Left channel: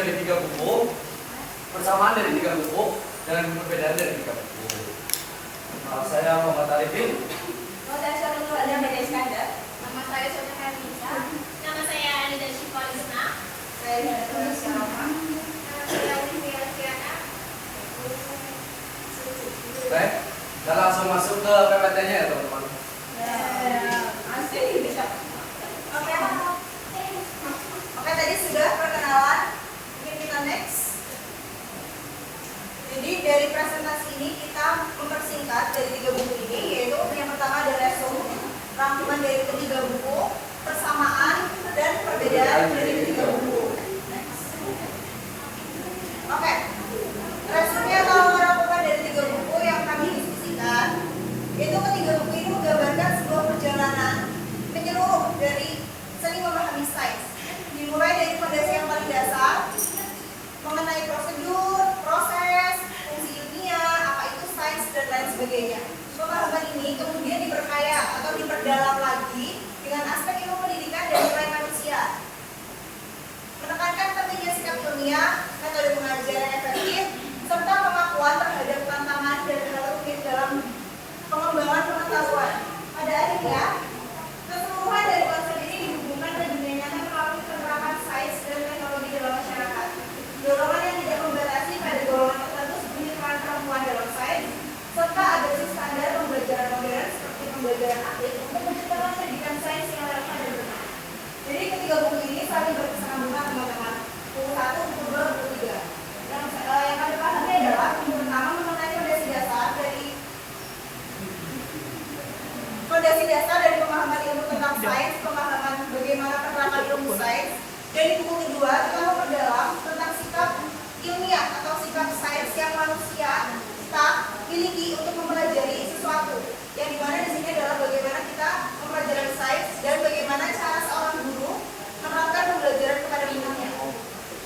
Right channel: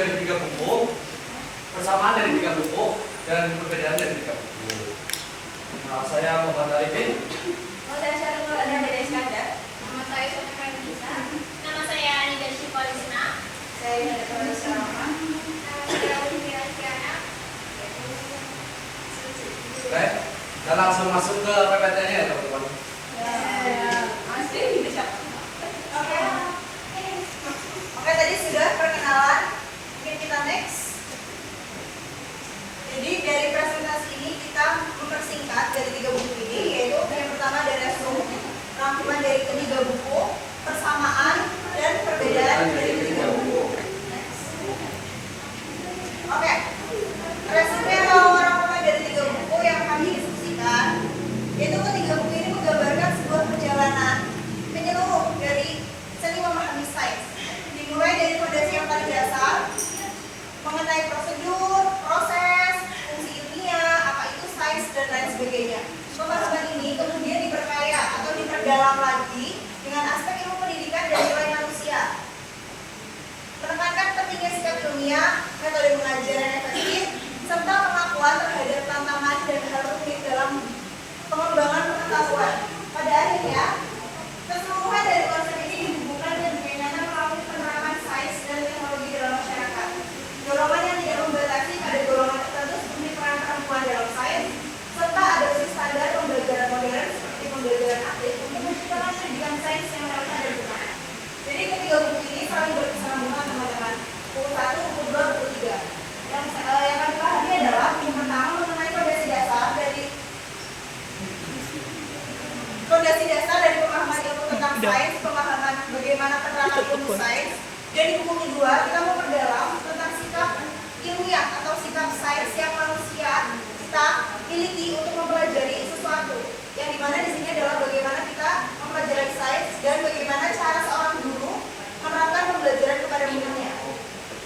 dari 3 buku, persamaan dari 3 buku, dan perbedaan dari 3 buku. Nah, saya Muhammad Arifin. Nama saya Sonia Nisa. Nama saya Anida Syifarisna. Saya Nida Syifarisna. Nama saya Olivia Kiana. Baik, kita langsung masuk ke PPT-nya ya teman-teman. Oke, tadi sudah perkenalan. Mungkin kita next. Jadi dari presentasi ini kita mempersingkat dari 3 buku ini, yaitu yang pertama ada resume, rangkuman dari ketiga buku, persamaan dan perbedaan dari 3 buku. Next. Oke, resume atau rangkuman dari 3 buku yang kami diskusikan, yaitu ketiga buku ini menggambarkan sebuah perjalanan menyeluruh dari seni memahami sains. Dimulai dari fondasi yang paling dasar mengenai prosedur, proses, fungsi ilmiah, apa itu sains dan lain sebagainya. Pemahaman ini kemudian diperkaya atau diperdalam lagi dengan aspek ilmu pendidikan dan nilai manusia. Menekankan pentingnya sikap ilmiah, metode mengajar yang efektif, serta pengakuan terhadap tantangan dan hal rumit dalam pengembangan pengetahuan. Pada akhirnya, keseluruhan dari konsep ini dihubungkan dan dinyatakan melalui penerapan sains dan teknologi dalam masyarakat. Dorongan yang tidak membatasi pada golongan tertentu seperti peran perempuan dalam sains, serta adopsi standar pembelajaran modern seperti pembelajaran aktif untuk menciptakan pendidikan sains yang relevan dan benar. Jadi ketiga buku ini saling berkesinambungan teman-teman. Buku 1, buku 2, buku 3. Yang kami pahami adalah buku pertama mengenai fondasi dasar dari pemahaman ilmu tentang sains, pemahaman bagaimana penerapan ilmu sains. Dari buku kedua kita memperdalam tentang sikap ilmiah atau sikap sains yang manusia kita miliki untuk mempelajari sesuatu. Yang dimana di sini adalah bagaimana kita mempelajari sains dan bagaimana cara seorang guru menerapkan pembelajaran kepada muridnya.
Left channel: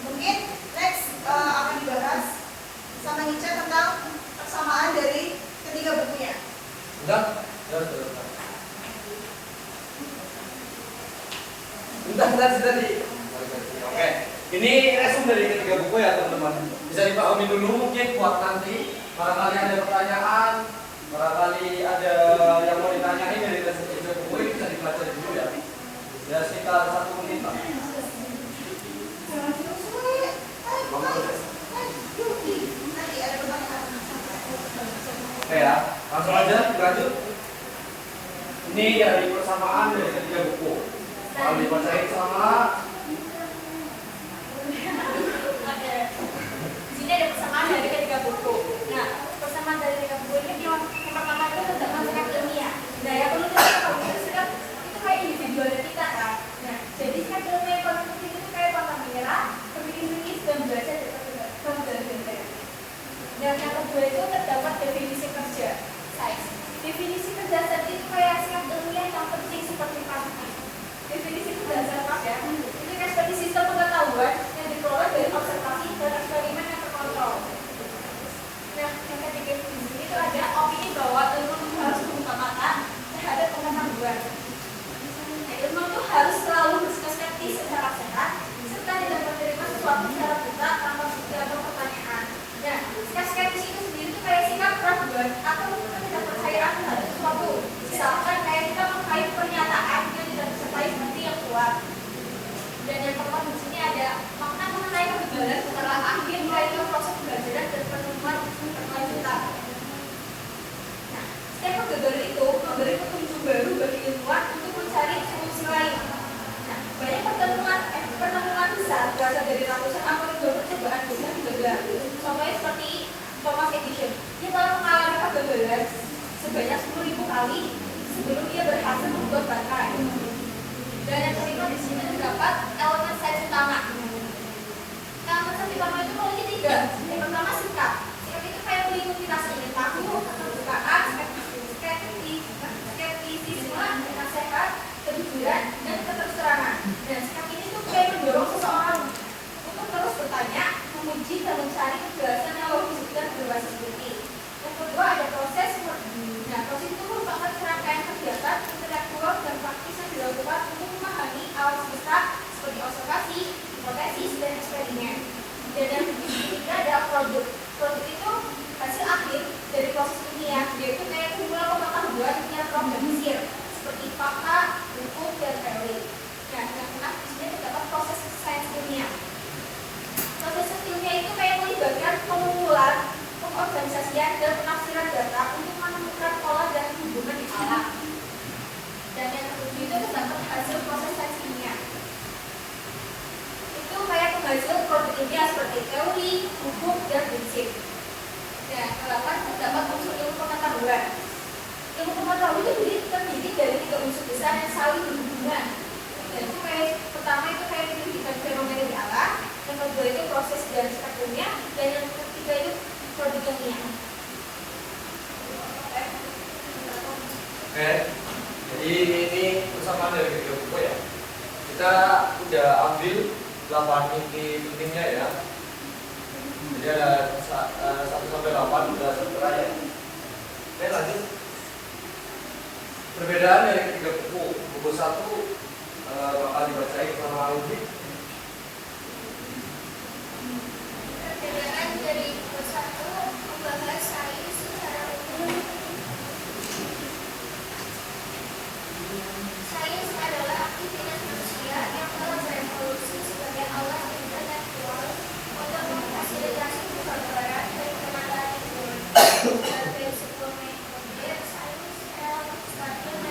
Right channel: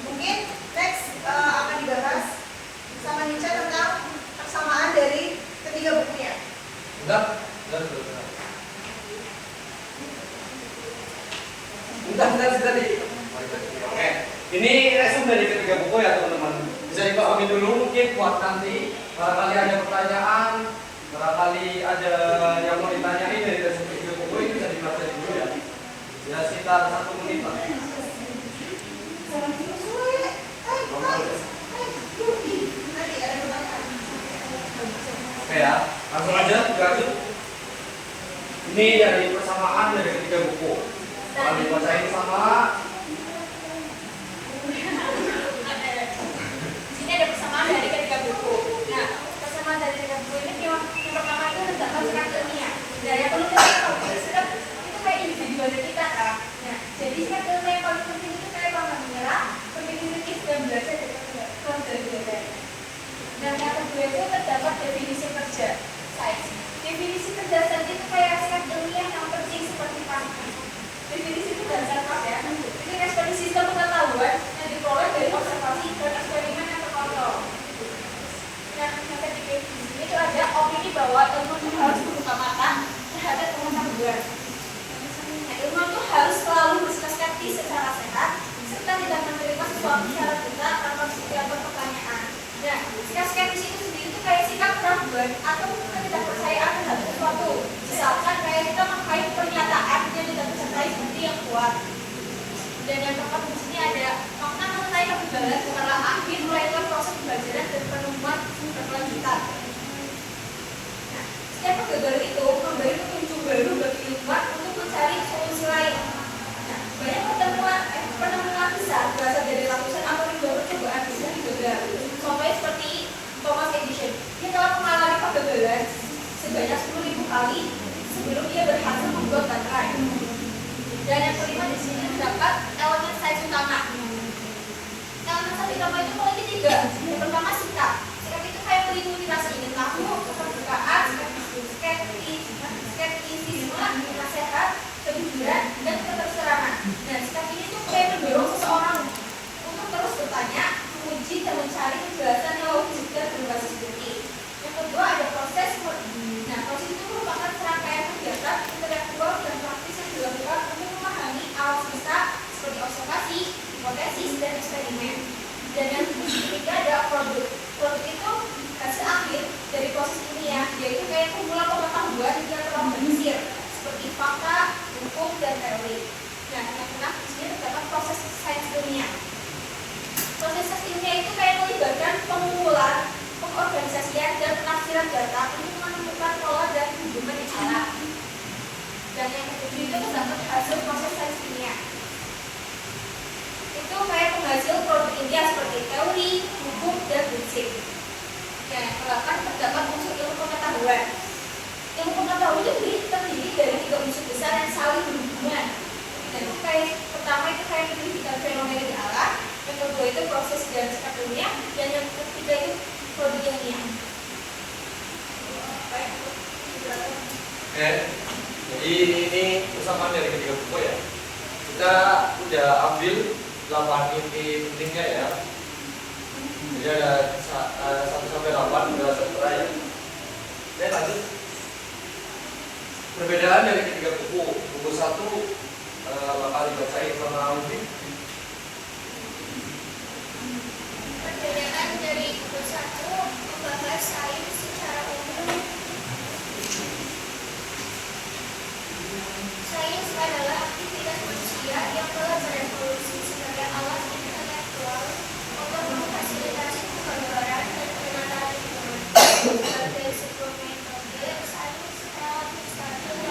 Mungkin next akan dibahas sama Nica tentang persamaan dari ketiga bukunya. Udah. Tadi. Oke, ini resume dari ketiga buku ya teman-teman. Bisa dipahami dulu mungkin buat nanti. Barangkali ada pertanyaan, barangkali ada yang mau ditanyain dari resume ketiga buku ini bisa dipelajari dulu ya. Ya sekitar 1 menit lah. Oke ya, langsung aja lanjut. Ini dari persamaan dari ketiga buku. Kalau dibacain sama. Sini ada persamaan dari ketiga buku. Nah, persamaan dari ketiga buku ini yang pertama itu terdapat sikap ilmiah. Nah, yang perlu kita tahu sikap itu kayak individual kita kan. Nah, jadi sikap ilmiah yang paling penting itu kayak paham mengira, berpikir kritis dan belajar dari belajar. Dan yang kedua itu terdapat definisi kerja sains. Definisi kerja sains itu kayak sikap ilmiah yang penting seperti definisi itu dasar ya. Ini seperti sistem pengetahuan yang diperoleh dari observasi dan eksperimen yang terkontrol. Nah, yang ketiga di sini itu ada opini bahwa ilmu harus mengutamakan terhadap itu terdapat hasil proses sains kimia. Itu kayak penghasil produk inti seperti teori, hukum, dan prinsip. Nah, ke-8 terdapat unsur ilmu pengetahuan. Ilmu pengetahuan itu terdiri dari 3 unsur besar yang saling berhubungan. Dan itu kayak pertama itu kayak penyelidikan fenomena di alam, yang kedua itu proses dan sikap ilmiah, dan yang ketiga itu produk ilmiah. Oke, jadi ini persamaan dari ketiga buku ya. Kita udah ambil 8 inti pentingnya ya. Jadi ada 1 sampai 8 udah tertera ya. Oke, lanjut. Perbedaan dari ketiga buku. Buku 1 bakal dibacain sama Alvin. Perbedaan dari buku 1 membahas sains secara umum. Sains adalah aktivitas manusia yang telah berevolusi sebagai alat intelektual untuk memfasilitasi penggambaran dan penataan lingkungan. Sebagai sebuah metode, sains relatif stabil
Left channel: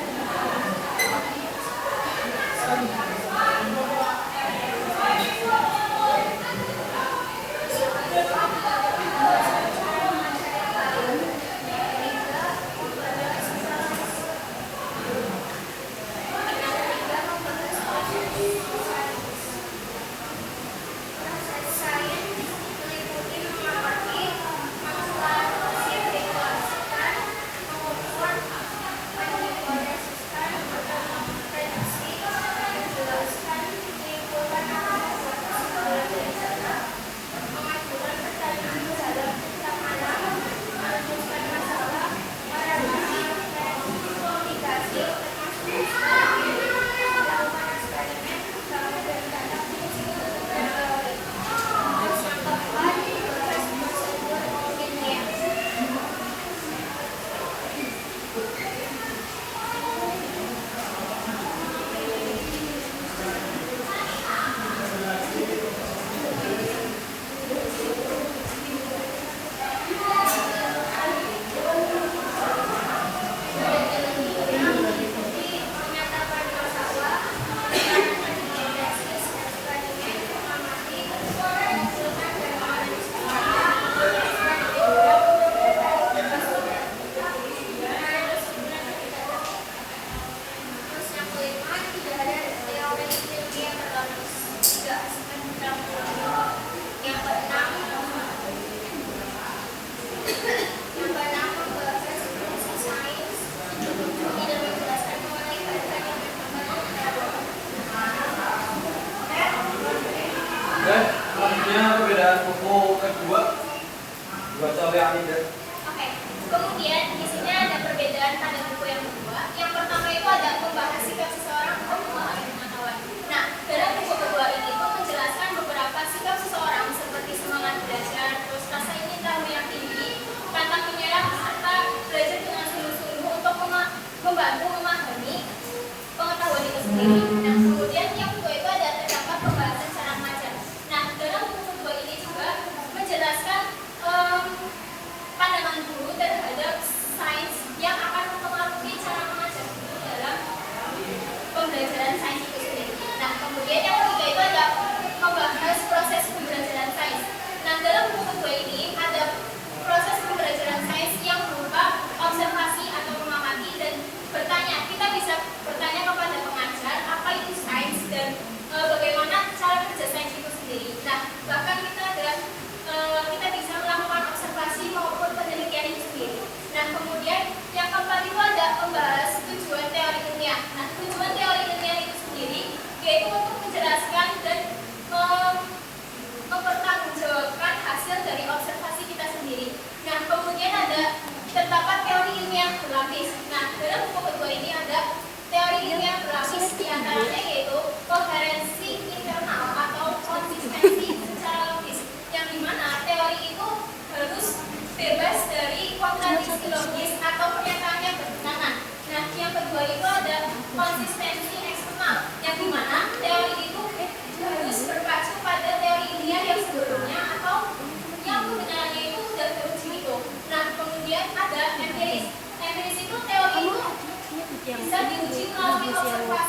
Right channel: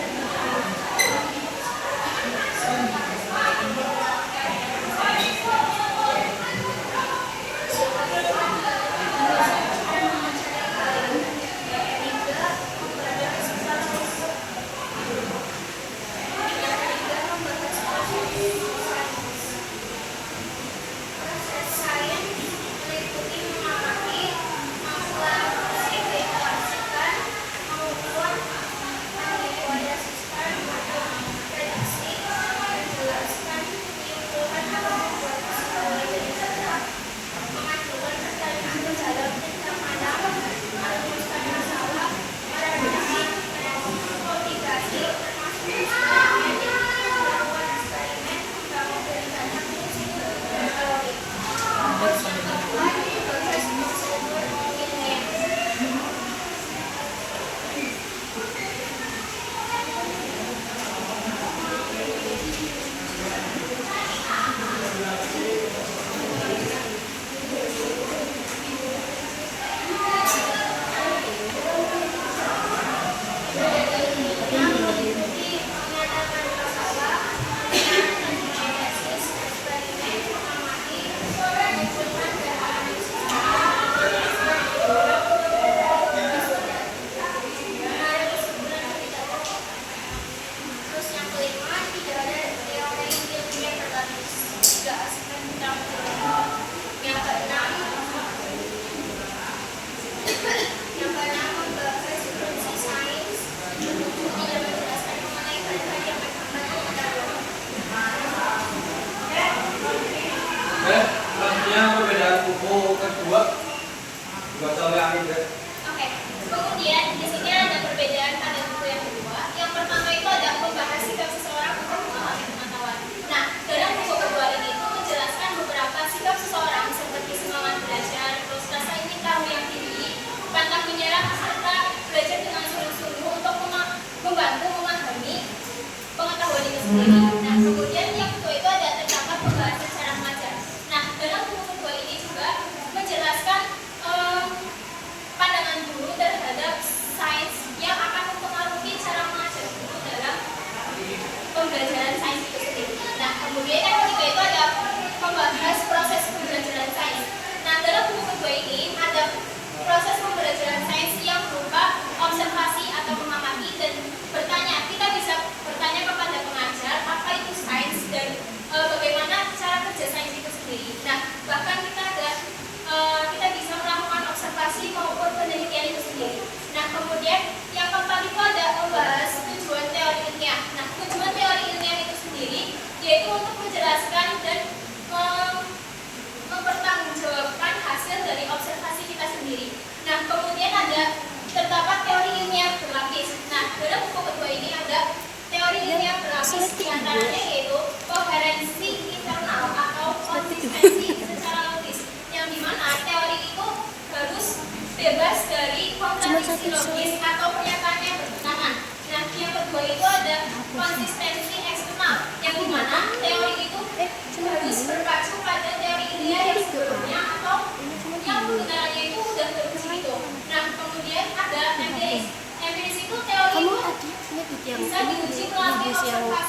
dan bisa diuji melalui observasi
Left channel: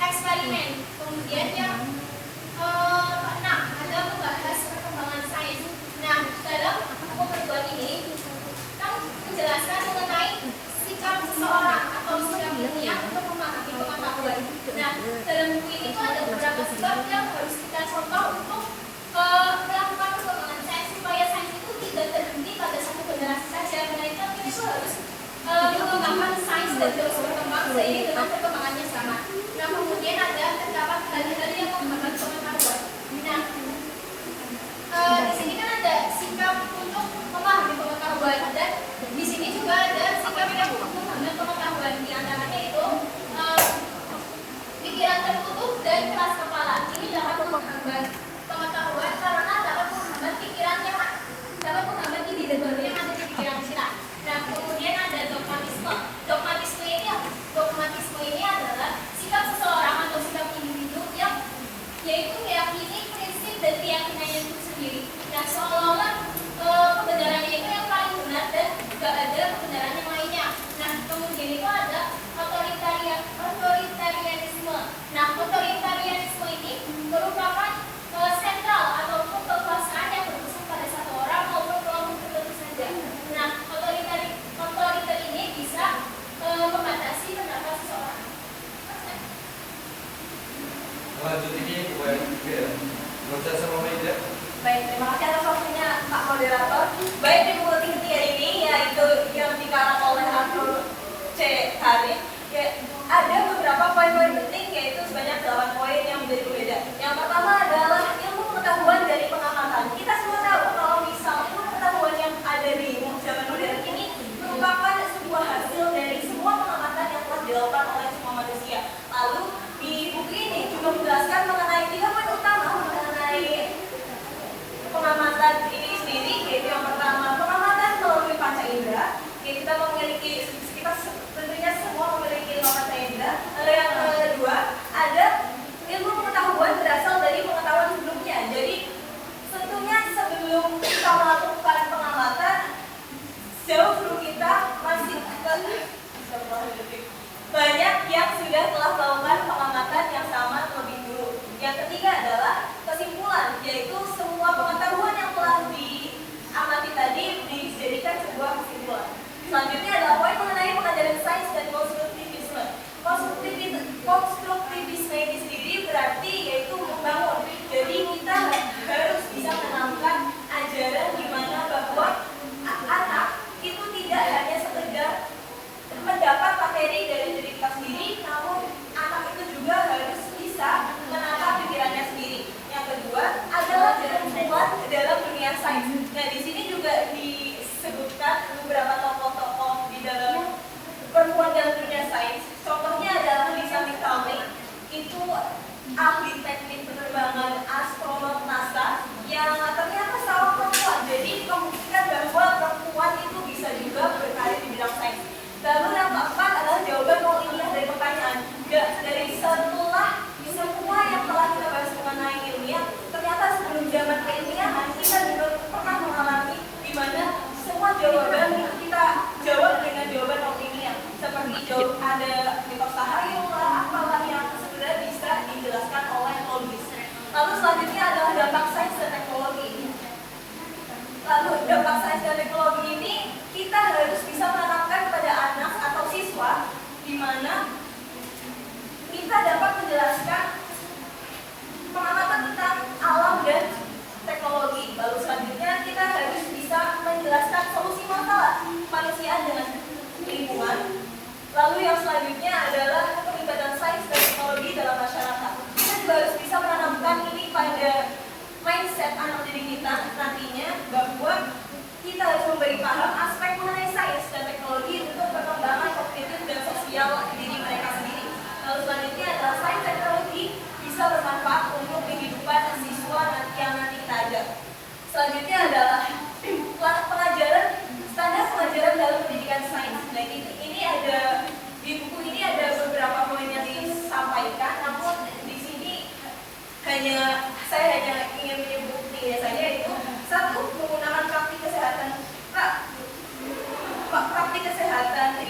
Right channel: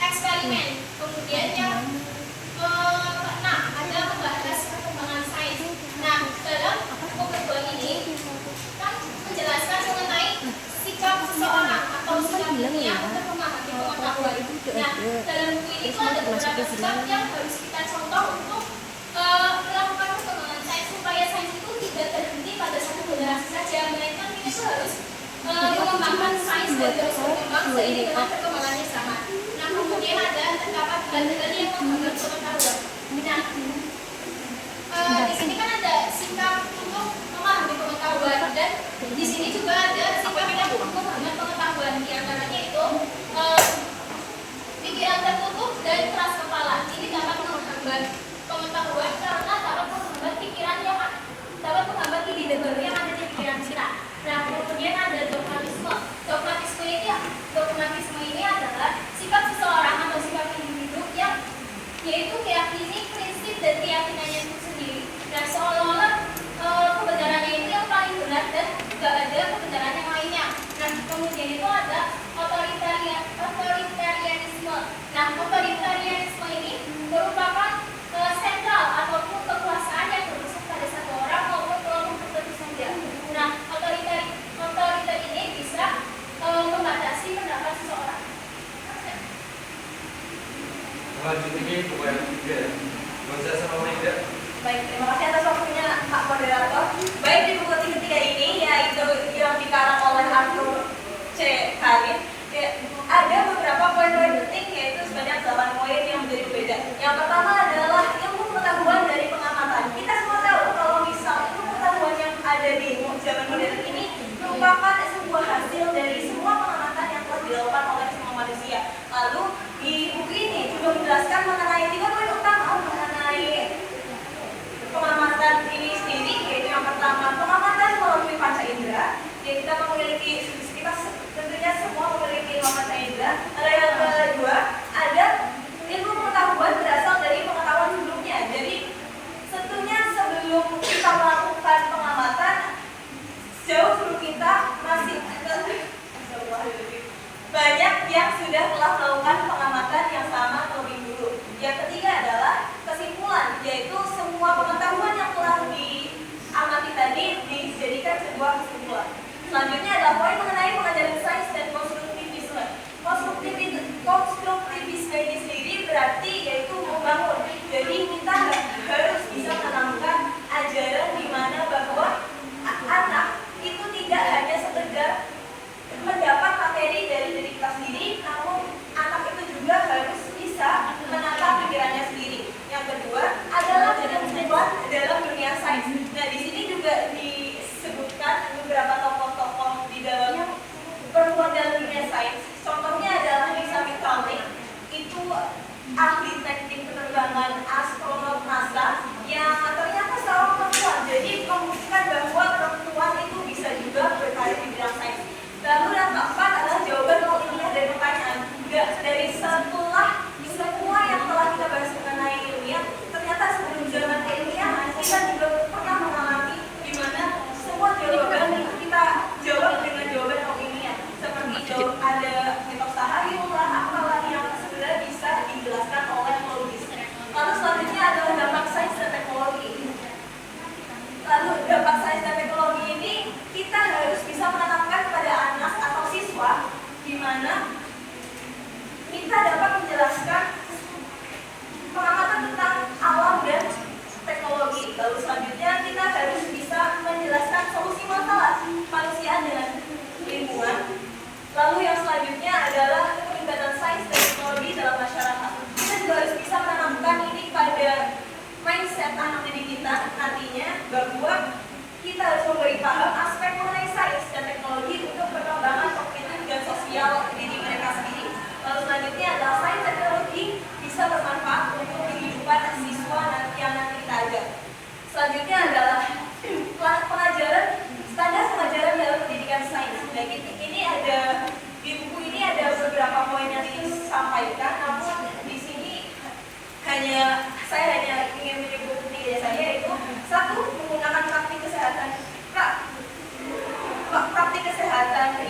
eksperimen. Kemudian yang keenam ada membahas perkembangan sains. Nah, dalam buku kedua ini kan menjelaskan mengenai sikap seseorang atau sikap ilmiah untuk memahami pengetahuan. Nah, dalam buku ini tuh ada beberapa sikap yang harus kita contoh untuk melakukan perkembangan sains supaya sains itu tidak terhenti pada satu generasi saja, melainkan kita itu harus mengembangkan sains dan terus berkembang seiring dengan perkembangannya zaman. Nah, kemudian ada terdapat tadi yang menghambat pengetahuan. Nah, di sini kan ada sikap untuk memahami pengetahuan dan di sini juga ada sikap yang untuk menghambat pengetahuan. Di antaranya itu pikiran tertutup dan keras kepala. Ini dapat menghambat pengetahuan karena dapat menghambat pikiran yang dapat menghambat ide baru yang ada di pikiran kita. Nah, kemudian ada dogmatisme. Dogmatisme ini adalah sikap seseorang atau sikap individu yang yaitu meyakini prinsip dan keyakinannya itu sendiri. Nah, seolah-olah kebenarannya itu yang paling benar dan tidak ada kebenaran yang lainnya. Nah, kemudian itu ada otoritarianisme. Nah, otoritarianisme ini merupakan sentral ataupun kekuasaan yang berpusat pada satu orang maupun kelompok tertentu saja. Nah, otoriter ini bisa membatasi pendapat seseorang. Lanjut ini pokoknya tiga. Masa sama meja. Baik, terima kasih atas waktunya Pak Moderator. Baik, di buku ketiga ini yaitu yang dikarang oleh Arthur C. Karim, ada beberapa poin-poin penting yaitu sebanyak 8 poin yang menjadi berbeda. Yang pertama adalah ilmu pengetahuan dari pengamatan. Kita semua tahu kalau misal ilmu pengetahuan yang ada di zaman modern ini merupakan sebuah hasil dari semua pengamatan yang telah dilakukan oleh semua manusia. Lalu di buku ini juga menjelaskan mengenai 3 poin utama mengenai pengamatan ini sendiri, yaitu yang pertama pengamatan melalui panca indera. Kita memiliki, kita tentunya semua memiliki 5 panca indera. Lalu yang kedua ada ilmu pengetahuan berasal dari pengetahuan sebelumnya. Jadi tentunya sebelum kita melakukan pengamatan, jauh sebelum kita masih banyak yang sudah telah melakukan pengamatan yang sama terlebih dulu. Yang ketiga adalah kesimpulan, yaitu semua pengetahuan yang telah diamati tadi dijadikan sebuah kesimpulan. Selanjutnya adalah poin mengenai pengajaran sains dan konstruktivisme. Konstruktivisme ini sendiri berarti yaitu membangun. Jadi kita harus bisa menanamkan ajaran di mana bahwa anak itu tidak hanya sekedar mendapat materi dari diri kita sendiri, namun anak itu juga harus bisa menata pikirannya sendiri. Yang kedua adalah perempuan dalam dunia sains. Nah, di sini juga disebutkan beberapa tokoh-tokoh di dalam perempuan dalam dunia sains. Contohnya adalah Lisa McCartney, itu ahli teknik penerbangan astronom NASA yang ternyata seorang perempuan. Jadi membuktikan bahwa perempuan itu bisa juga berkarir di bidang sains. Lalu yang keempat adalah jawaban nol ilmiah dari pertanyaan. Dari setelah semua yang telah kita bahas mengenai ilmiah, ternyata sebelum zaman keilmiahan kita juga pernah mengalami di mana semua jawaban itu kita jawab dengan jawaban nol ilmiah. Seperti ada mitos tahayul lah, apalah yang sebenarnya bisa dijelaskan oleh logis. Lalu selanjutnya adalah dampak sains dan teknologi. Lalu dampak sains dan teknologi ini kita harus bisa menanamkan kepada anak atau siswa di mana kita dapat menjelaskan pengamatan tentang alam dan teknologi. Lalu selanjutnya kita harus bisa menjelaskan solusi masalah manusia dengan lingkungan. Lalu yang selanjutnya adalah keterlibatan sains dan teknologi dalam masyarakat. Kita juga harus bisa menanamkan ini pada mindset anak didik kita nantinya bahwa kita harus memberi paham aspek mengenai sains dan teknologi untuk perkembangan kognitif dan sosial diri mereka sendiri. Lalu selanjutnya adalah sains dan teknologi bisa bermanfaat untuk kehidupan siswa yang nanti kita ajar. Selanjutnya adalah pengajaran, standar pengajaran dalam pendidikan sains. Nah, ini ada di buku ini ada beberapa poin yang disampaikan, namun di sini saya hanya ingin menyebut tiga saja, yaitu satu, menggunakan praktik kesehatan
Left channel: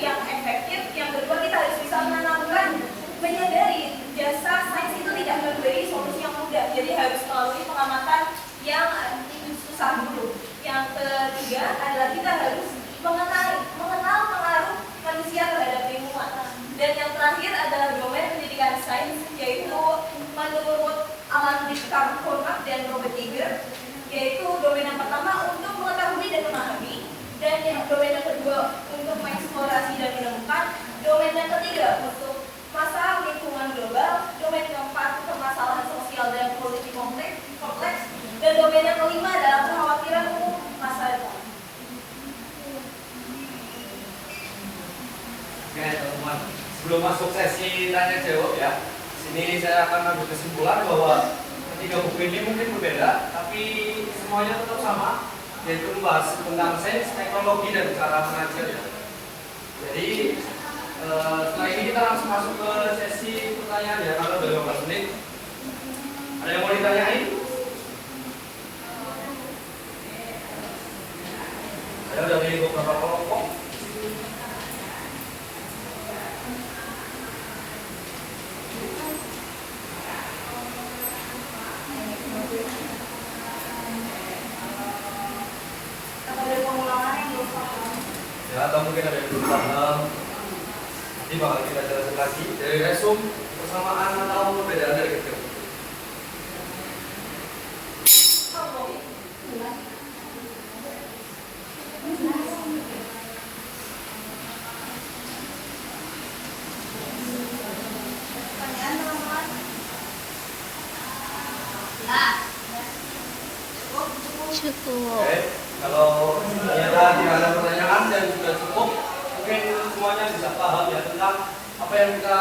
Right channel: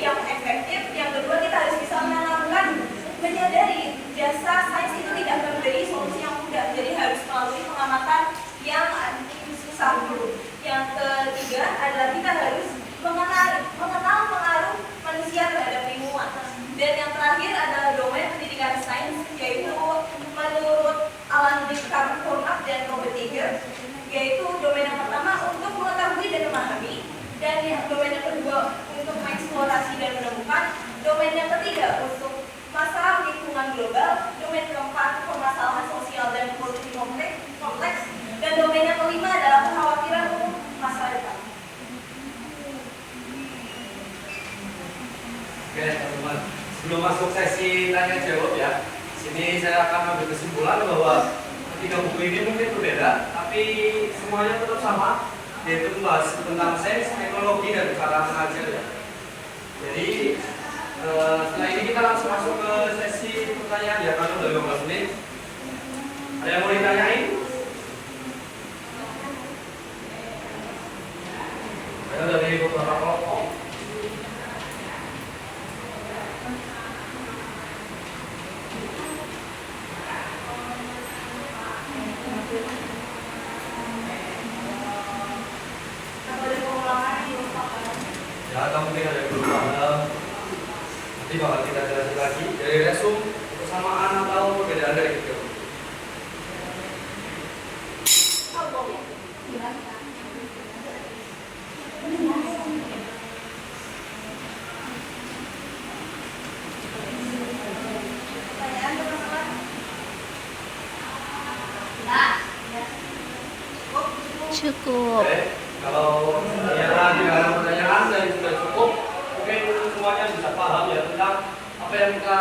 yang efektif. Yang kedua, kita harus bisa menanamkan menyadari harus melalui pengamatan yang susah dulu. Yang ketiga adalah kita harus mengenal pengaruh manusia terhadap lingkungan. Dan yang terakhir adalah domain pendidikan sains, yaitu menurut Alan Richard Hornap dan Robert Eger, yaitu domain yang pertama untuk mengetahui dan memahami, dan yang domain yang kedua untuk mengeksplorasi dan menemukan, domain yang ketiga untuk masalah lingkungan global, domain keempat permasalahan sosial dan politik kompleks, dan domain yang kelima adalah kekhawatiran umum masa depan. Oke teman-teman, sebelum masuk sesi tanya jawab ya, sini saya akan ambil kesimpulan bahwa ketiga buku ini mungkin berbeda, tapi semuanya tetap sama, yaitu membahas tentang sains, teknologi, dan cara mengajar ya. Jadi setelah ini kita langsung masuk ke sesi pertanyaan ya, karena udah 15 menit. Ada yang mau ditanyain? Ada dari beberapa kelompok. Ya, atau mungkin ada yang belum paham. Nanti bakal kita jelasin lagi dari resum, kesamaan atau perbedaan dari ketiga buku. Pertanyaan teman-teman? Cukup. Oke, kalau ternyata tidak ada pertanyaan dan sudah cukup, mungkin semuanya bisa paham ya tentang apa yang kita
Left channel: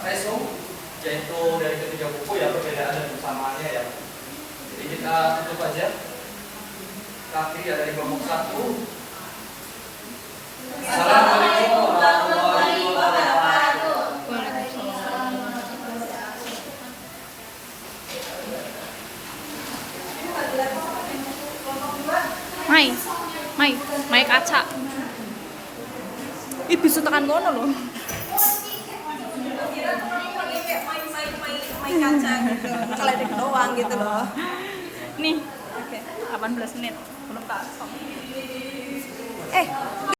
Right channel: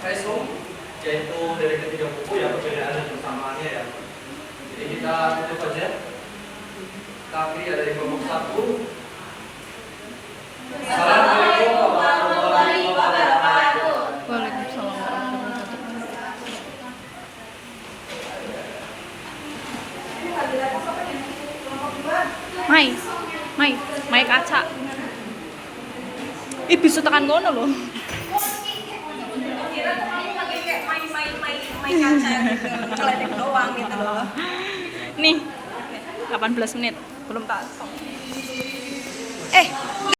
resum, yaitu dari ketiga buku ya, perbedaan dan persamaannya ya. Jadi kita tutup aja. Kita akhiri ya dari kelompok 1. Assalamualaikum warahmatullahi wabarakatuh. Waalaikumsalam warahmatullahi wabarakatuh. Mai kaca. Ih bisa tekan kono loh. Kira tuh kamu lagi kayak main kaca gitu, ngeledek doang gitu loh. Nih, 18 menit. Belum tak.